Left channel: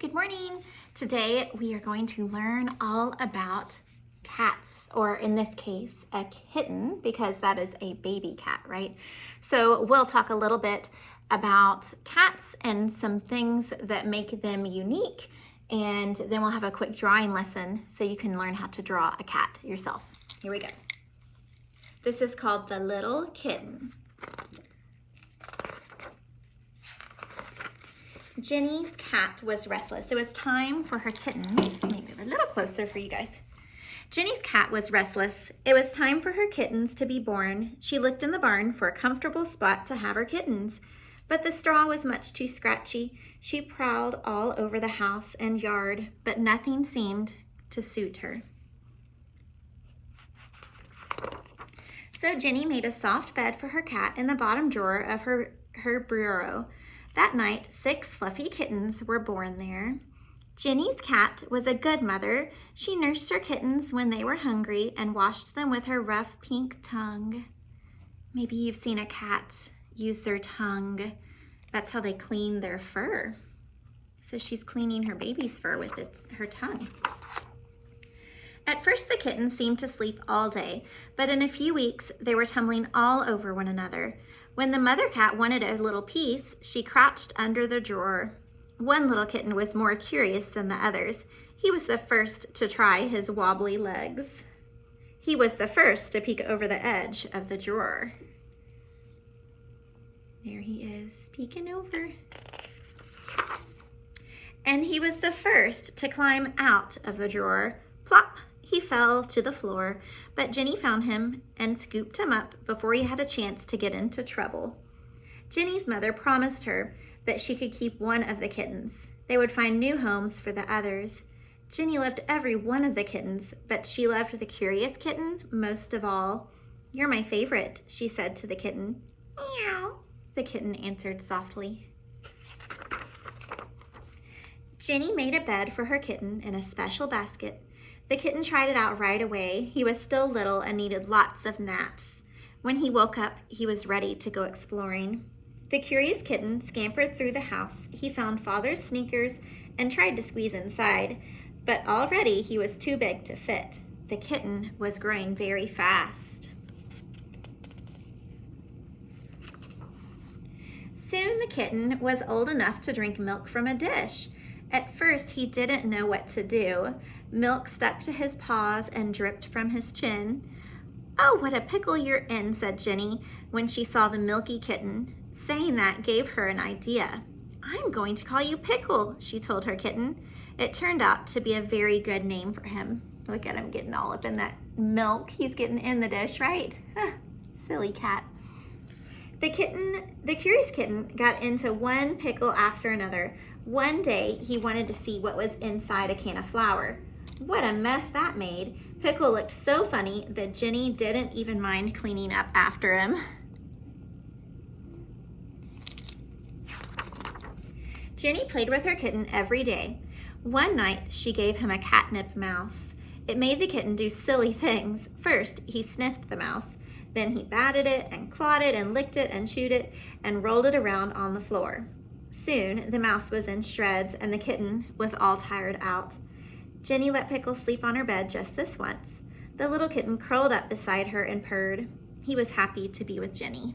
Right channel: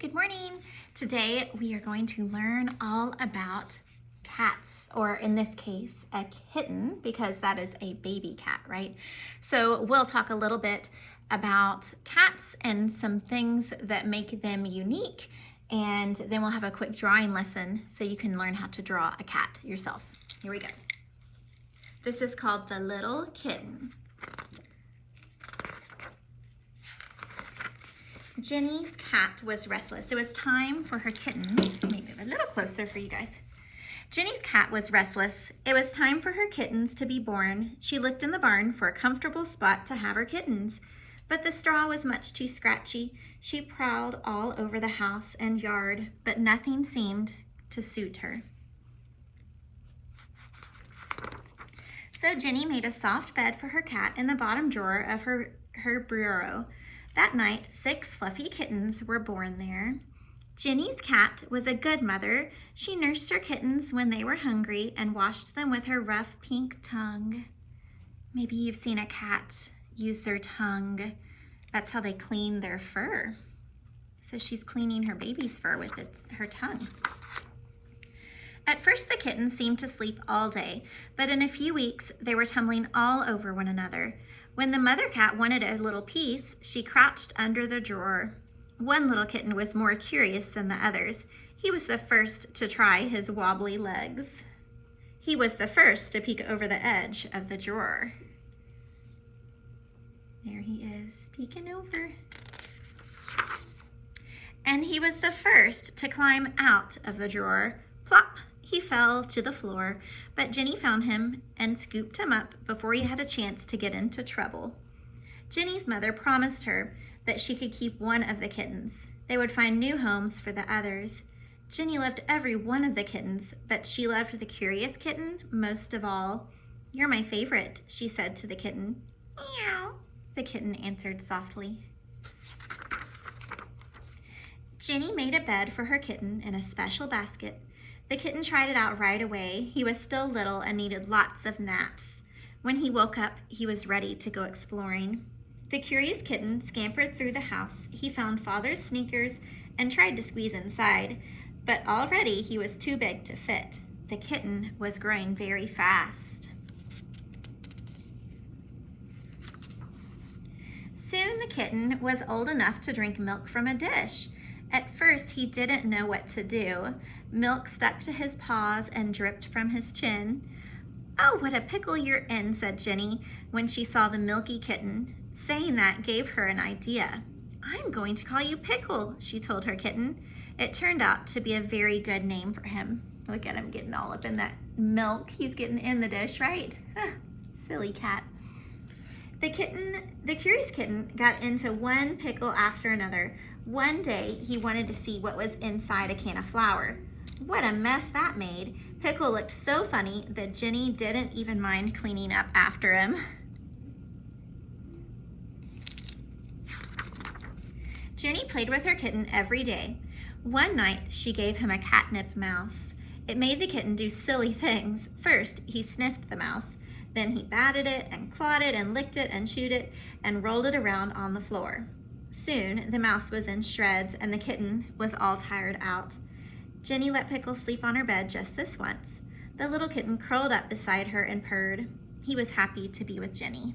good morning. Today we are going to learn all about cats, or in this case, a kitten, because that is a baby cat, right? So we'll talk a little bit about cats and some things that make them unique, and then we'll have a quick drawing lesson so you can learn how to draw a cat yourself. Here we go. This is called the little kitten. Jenny's cat was restless. It was time for her kittens. Let me move a little closer for you guys. Jenny's cat was restless. It was time for her kittens to be born. She looked in the barn for a comfortable spot to have her kittens, but the straw was much too scratchy. She prowled all over the house and yard, but nothing seemed to suit her. So Jenny made a soft bed for her cat in the bottom drawer of her bureau. That night, 6 fluffy kittens were born there. Jenny's cat was a good mother. She nursed her kittens when they were hungry and washed them with her rough pink tongue. Maybe you've seen a cat use their tongue. That's how they clean their fur. So she's cleaning her baby's fur with her tongue. At first, the kittens seemed to sleep all day, but in a few weeks, they were tumbling all over one another. When the mother cat wanted a little piece, she crouched under the drawer. One little kitten was more curious than the others. He was the first to try his wobbly legs. He was the first to peek over the edge of the drawer. There he is, peeking over. And he was the first to climb out of the drawer. Plop! He fell to the floor, but Jenny found him and scooped him up before he had a chance to get into trouble. Jenny's mother promised her that she could keep one of the kittens. They would find new homes for the others. Jenny loved every one of the kittens, but she loved the curious kitten most of all. "You're my favorite," she said to the kitten. "Meow," the kitten answered softly. Jenny made a bed for her kitten in a special basket. The kitten tried it out right away. He was still little and needed lots of naps. When he woke up, he was ready to go exploring. The curious kitten scampered through the house. He found Father's sneakers and tried to squeeze inside, but already he was too big to fit. The kitten was growing very fast. Soon the kitten was old enough to drink milk from a dish. At first, he didn't know what to do. Milk stuck to his paws and dripped from his chin. "Oh, what a pickle you're in," said Jenny when she saw the milky kitten. Saying that gave her an idea. "I'm going to call you Pickle," she told her kitten. It turned out to be a very good name for him. Look at him getting all up in that milk. He's getting in the dish, right? Silly cat. The curious kitten got into one pickle after another. One day, he wanted to see what was inside a can of flour. What a mess that made. Pickle looked so funny that Jenny didn't even mind cleaning up after him. Jenny played with her kitten every day. One night, she gave him a catnip mouse. It made the kitten do silly things. First, he sniffed the mouse. Then he batted it and clawed it and licked it and chewed it and rolled it around on the floor. Soon, the mouse was in shreds and the kitten was all tired out. Jenny let Pickle sleep on her bed just this once. The little kitten curled up beside her and purred. He was happy to be with Jenny.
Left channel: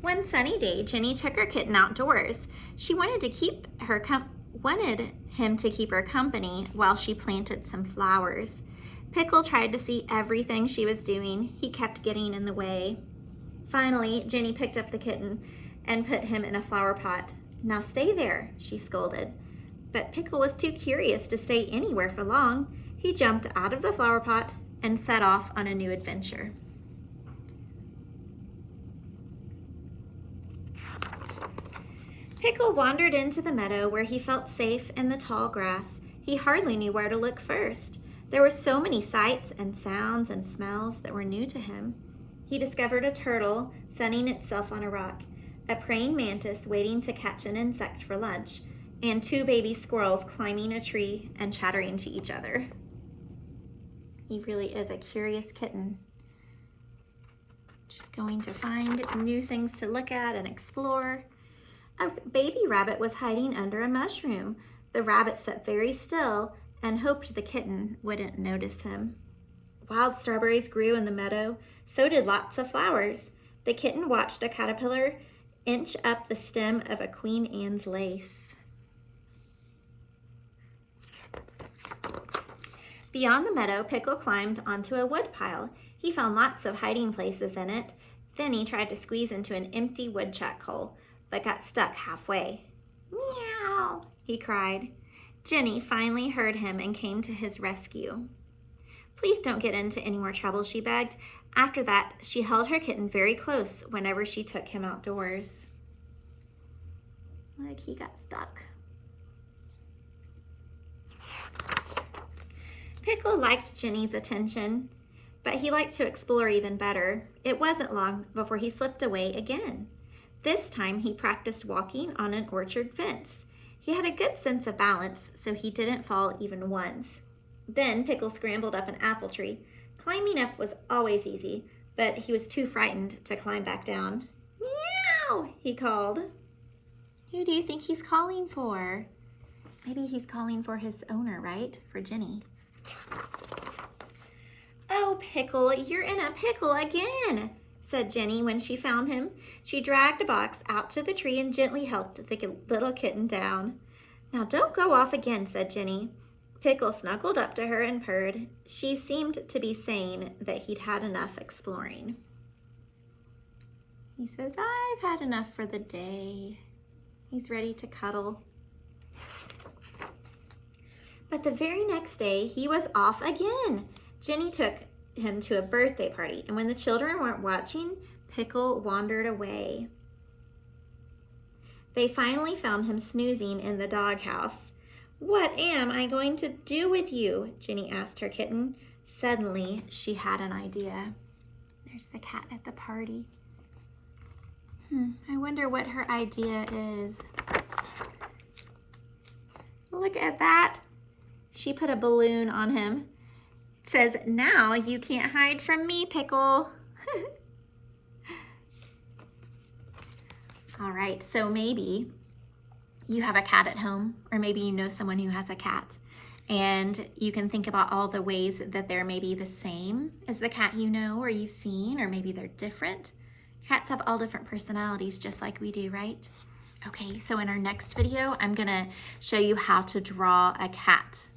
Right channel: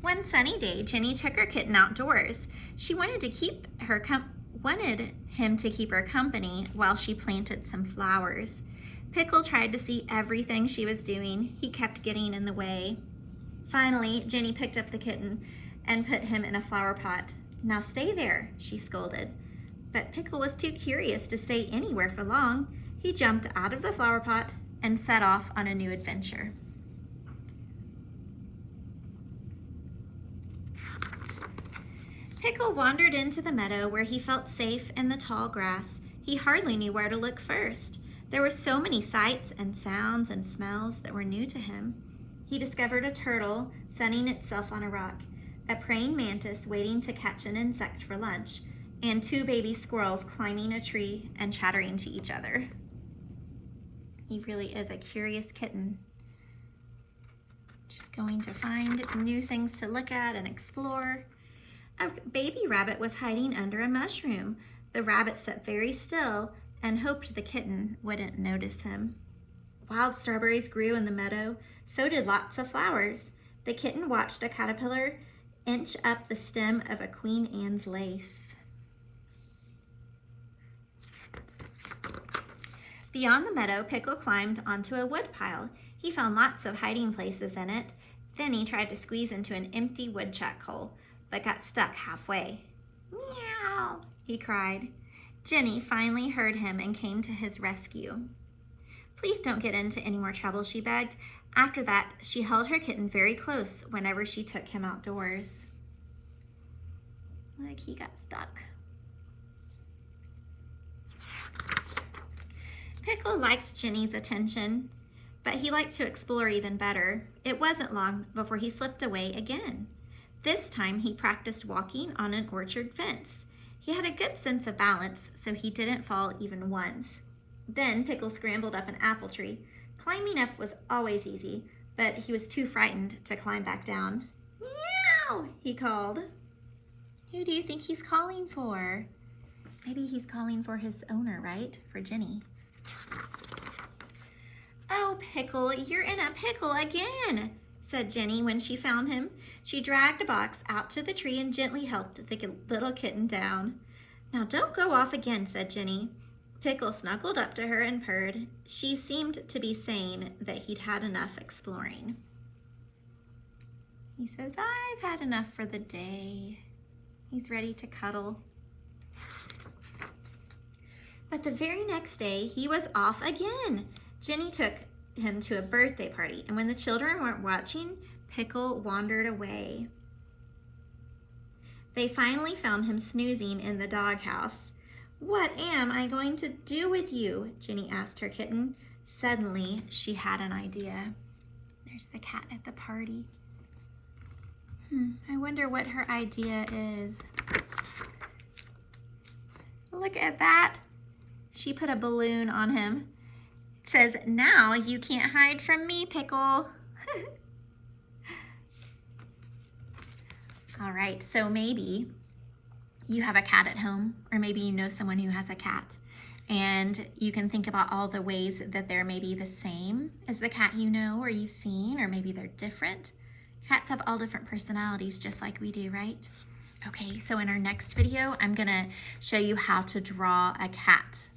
One sunny day, Jenny took her kitten outdoors. She wanted him to keep her company while she planted some flowers. Pickle tried to see everything she was doing. He kept getting in the way. Finally, Jenny picked up the kitten and put him in a flower pot. "Now stay there," she scolded. But Pickle was too curious to stay anywhere for long. He jumped out of the flower pot and set off on a new adventure. Pickle wandered into the meadow where he felt safe in the tall grass. He hardly knew where to look first. There were so many sights and sounds and smells that were new to him. He discovered a turtle sunning itself on a rock, a praying mantis waiting to catch an insect for lunch, and 2 baby squirrels climbing a tree and chattering to each other. He really is a curious kitten. Just going to find new things to look at and explore. A baby rabbit was hiding under a mushroom. The rabbit sat very still and hoped the kitten wouldn't notice him. Wild strawberries grew in the meadow. So did lots of flowers. The kitten watched a caterpillar inch up the stem of a Queen Anne's lace. Beyond the meadow, Pickle climbed onto a woodpile. He found lots of hiding places in it. Then he tried to squeeze into an empty woodchuck hole, but got stuck halfway. Meow, he cried. Jenny finally heard him and came to his rescue. Please don't get into any more trouble, she begged. After that, she held her kitten very close whenever she took him outdoors. Look, he got stuck. Pickle liked Jenny's attention, but he liked to explore even better. It wasn't long before he slipped away again. This time he practiced walking on an orchard fence. He had a good sense of balance, so he didn't fall even once. Then Pickle scrambled up an apple tree. Climbing up was always easy, but he was too frightened to climb back down. Meow, he called. Who do you think he's calling for? Maybe he's calling for his owner, right? For Jenny. Oh, Pickle, you're in a pickle again, said Jenny when she found him. She dragged a box out to the tree and gently helped the little kitten down. Now don't go off again, said Jenny. Pickle snuggled up to her and purred. She seemed to be saying that he'd had enough exploring. He says, I've had enough for the day. He's ready to cuddle. But the very next day, he was off again. Jenny took him to a birthday party, and when the children weren't watching, Pickle wandered away. They finally found him snoozing in the doghouse. What am I going to do with you? Jenny asked her kitten. Suddenly, she had an idea. There's the cat at the party. I wonder what her idea is. Look at that. She put a balloon on him. It says, now you can't hide from me, Pickle. All right, so maybe you have a cat at home, or maybe you know someone who has a cat, and you can think about all the ways that they're maybe the same as the cat you know or you've seen, or maybe they're different. Cats have all different personalities just like we do, right? Okay, so in our next video, I'm gonna show you how to draw a cat.